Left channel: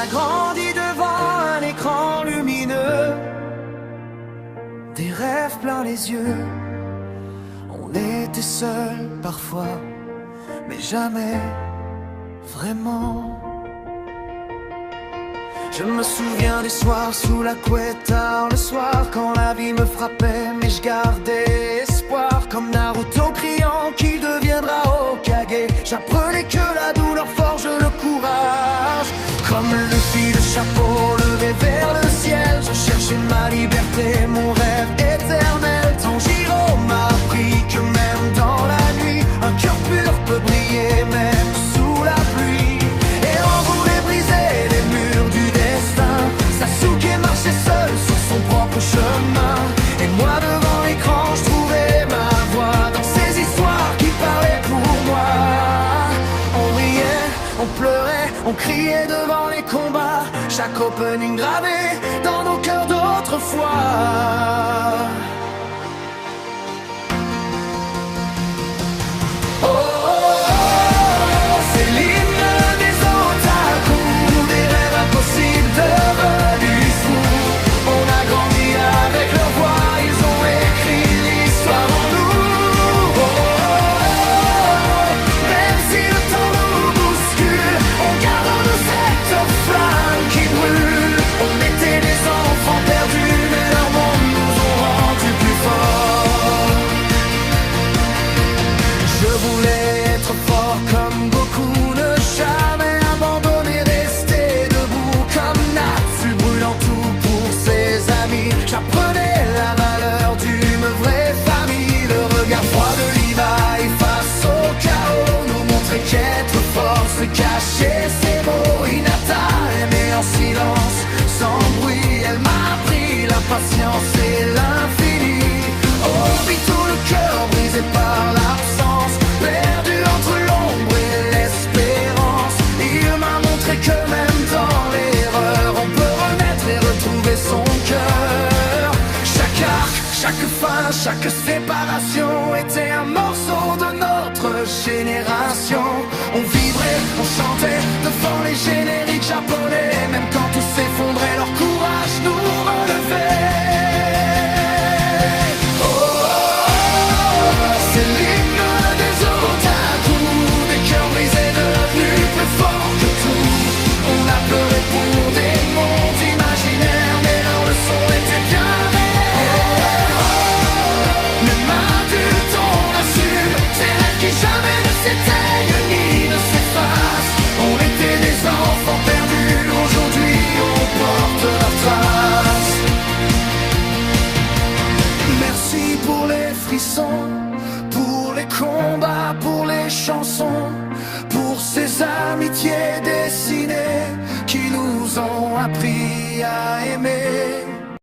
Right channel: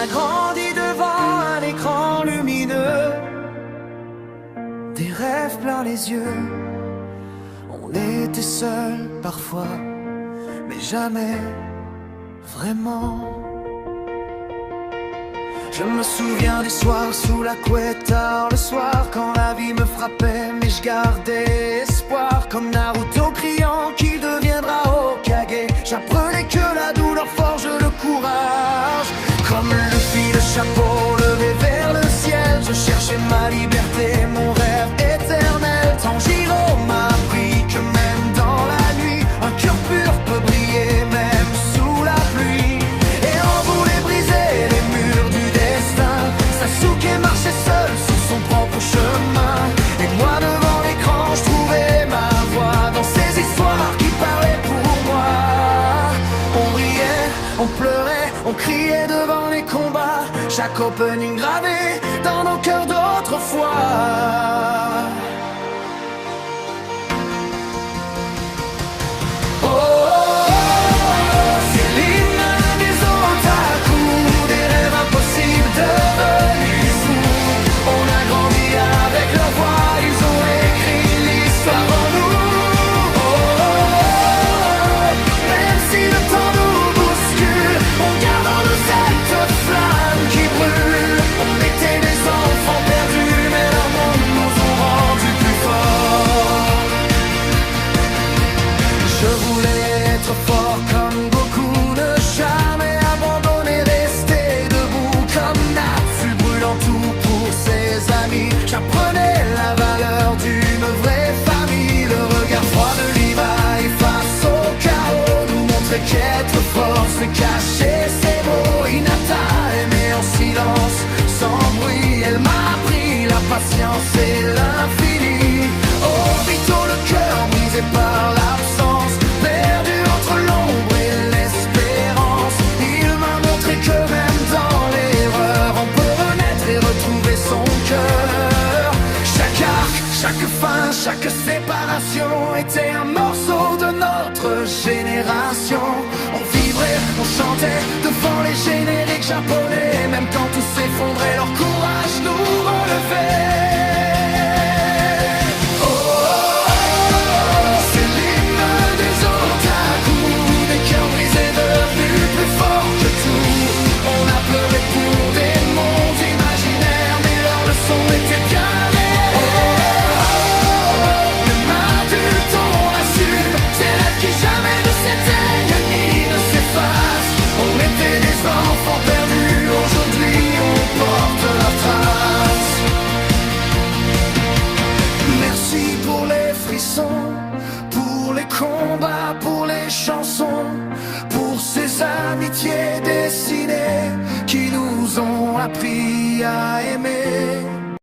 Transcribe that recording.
a grandi devant un écran lumineux, des rêves plein les yeux. On était seuls parfois, mais jamais vraiment. Je me souviens des soirs sous la couette tard le soir, quand la vie me frappait mais je gardais espoir. Comme Naruto criant qu'il deviendra Hokage, j'apprenais que la douleur forge le courage. Comme Luffy, le chapeau levé vers le ciel, je cherchais ma liberté, mon rêve éternel. Tanjiro m'a appris que même dans la nuit, un cœur pur peut briller même sous la pluie. Et on voulait briser les murs du destin. Sasuke marchait seul sur son propre chemin, et moi devant l'écran je trouvais ma voix dans ces histoires qui parlaient pour moi. On riait, on pleurait, on criait devant les combats, chaque opening gravé dans nos cœurs d'autrefois. Devenus fous, on a grandi avec leur voix, ils ont écrit l'histoire en nous. Oh, oh, oh, même si le temps nous bouscule, on garde en nous cette flamme qui brûle. On était des enfants perdus, mais leur monde nous ont rendus plus forts. Je voulais être fort comme Goku, ne jamais abandonner, rester debout comme Natsu, brûlant tout pour ses amis. J'apprenais la valeur d'une vraie famille. Le regard froid de Levi face au chaos nous montrait qu'être fort c'est cacher ses mots. Hinata aimait en silence, sans bruit, elle m'a appris la patience et l'infini. Obito, le cœur brisé par l'absence, perdu entre l'ombre et l'espérance. Il m'a montré que même dans l'erreur on peut renaître et retrouver son cœur. Chaque arc, chaque fin, chaque séparation était un morceau de notre génération. On vibrait, on chantait devant les génériques japonais, même quand tout s'effondrait, leur courage nous relevait. Cœur brisé, devenu plus fort que tout. On a pleuré pour des mondes imaginaires, mais leur leçon était bien réelle. Même adulte on assume ces rêves qui jamais ne s'éteignent ni ne s'effacent. On était des enfants perdus, aujourd'hui on porte leurs traces. Merci pour les frissons, pour les combats, pour les chansons, pour ces amitiés dessinées qui nous ont appris à aimer.